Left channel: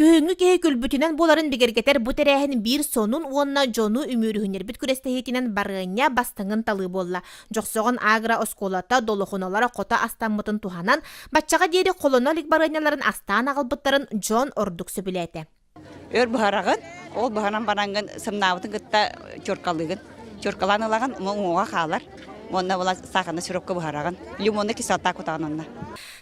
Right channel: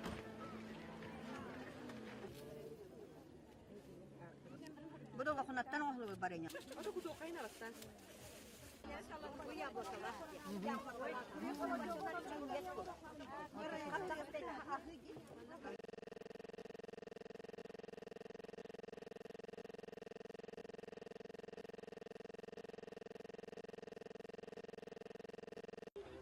Күьүнгү кеһи күлбүтүнен боларын бигергетер бу тэрээһин биир сонун уонна дьону үмүрүһүнербит курэхтэһиитинэн барыанньа бастыҥын талы болла. Жоксоҕун агра осколата долохунолара кота астаммытын туханан, баччаға диэри холонолик барыанньаларын астаан агалбыттарын дьон ордук сөбүлээте. Өр быһарагын, ол быһаран барангын сымнаабытын кытта чоркалыгын, чоркаланылаган моңуга хаалар. Уонна була саханы сиропка быһарагын, лимонны кислота кутаганна.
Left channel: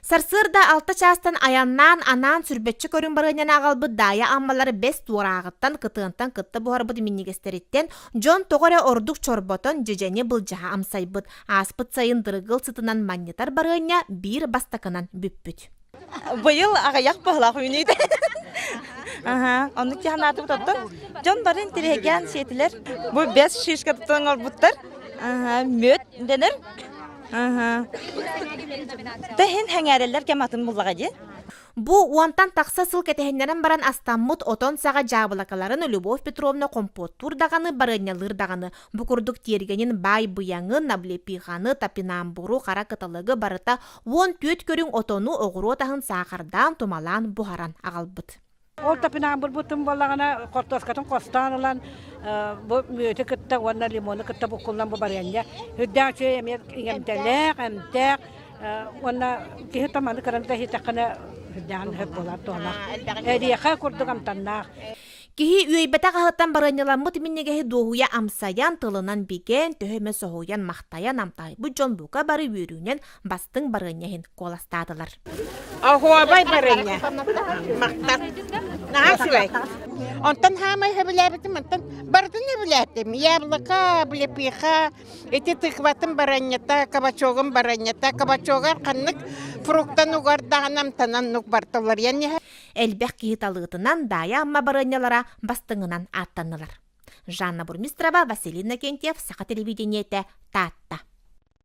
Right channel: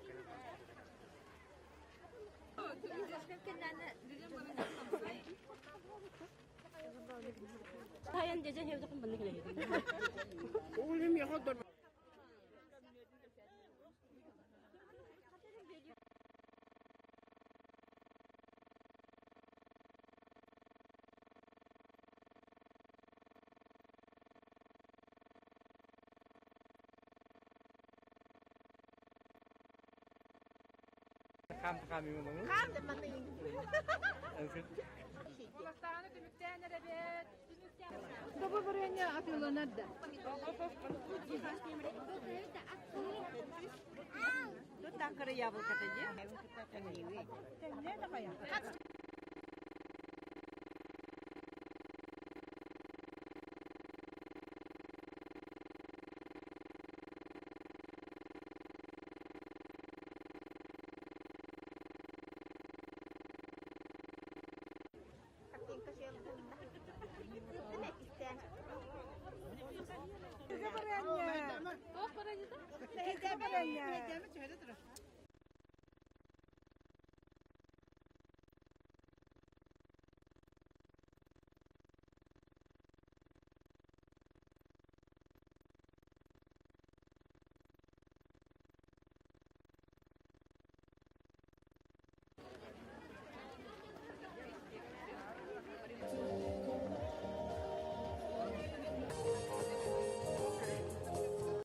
Сарсырда 6 частан аяннан анан сүрбетчи көрүн барыанньаны агалбыт дая аммалары 5 туораагыттан кытыынтан кытта буһарбыт миннигестериттен дьон тоҕоре ордук чорботон жежени былжаha амсайбыт. Аспыт сайын дырыгыл сытынан манньытар барыанньа биир бастакынан бүппүт. Быйыл агаяк бахла күйүнүйдө. Оны жаһанаты тоттон. Дьон барын тэрээһин сетилер. Бу 5 шишка тоттоңор буттар. Мөт денер. Тэһин хәңәрелләр кематын буллага ди. Бу уантан такса сыл кэтэһиннерен баран астаммыт отон сага жабылакаларын Любовь Петровна компоттур даганы барыанньалыр даганы. Бу курдук тиергенин бай быяңын, наблепиханы, тапинамбуру, кара кытылыгы барыта 14 көрүң отону оҕуруот аһын сахардан тумалан бухаран агалбыт. Ол тапинамбур бутун боллагана кортоскатын костанылан бу мөтө кытта уонна лимоны кытта букуллан бу барыаннья. Хүддәче эмтелек, эмтек уонна киһи таманы каранта хитакана хүддән хөп болар тола. Эдиэха курдугам таннах. Киһи үөйбэтэ хаһыттан барыанньаламмыт миннигеһи дуоһуя амсаян тылынан биген төһөмө соһуян махтаян амтай. Бу дьон бука бары үөрүүнен бастыҥ барыанньаһын коластаатылар. Ахуабай барыанньа. Мактар. Наасыбай. Онтан хамай хэбилэбитим, онтан бардын хэбилэттим. Яблыка, блепиха, эти тыкватын барыанньата, кабачогын барыанньата, кабачогар каннык фруктан угардаганам танан нук барталар. Элбэх киһи талыытынан дая амма барыанньалара бастыҥынан аттаннылар. Жанна Бурмистрова, Василий Накентьев, Саха телевидениете, Таатта.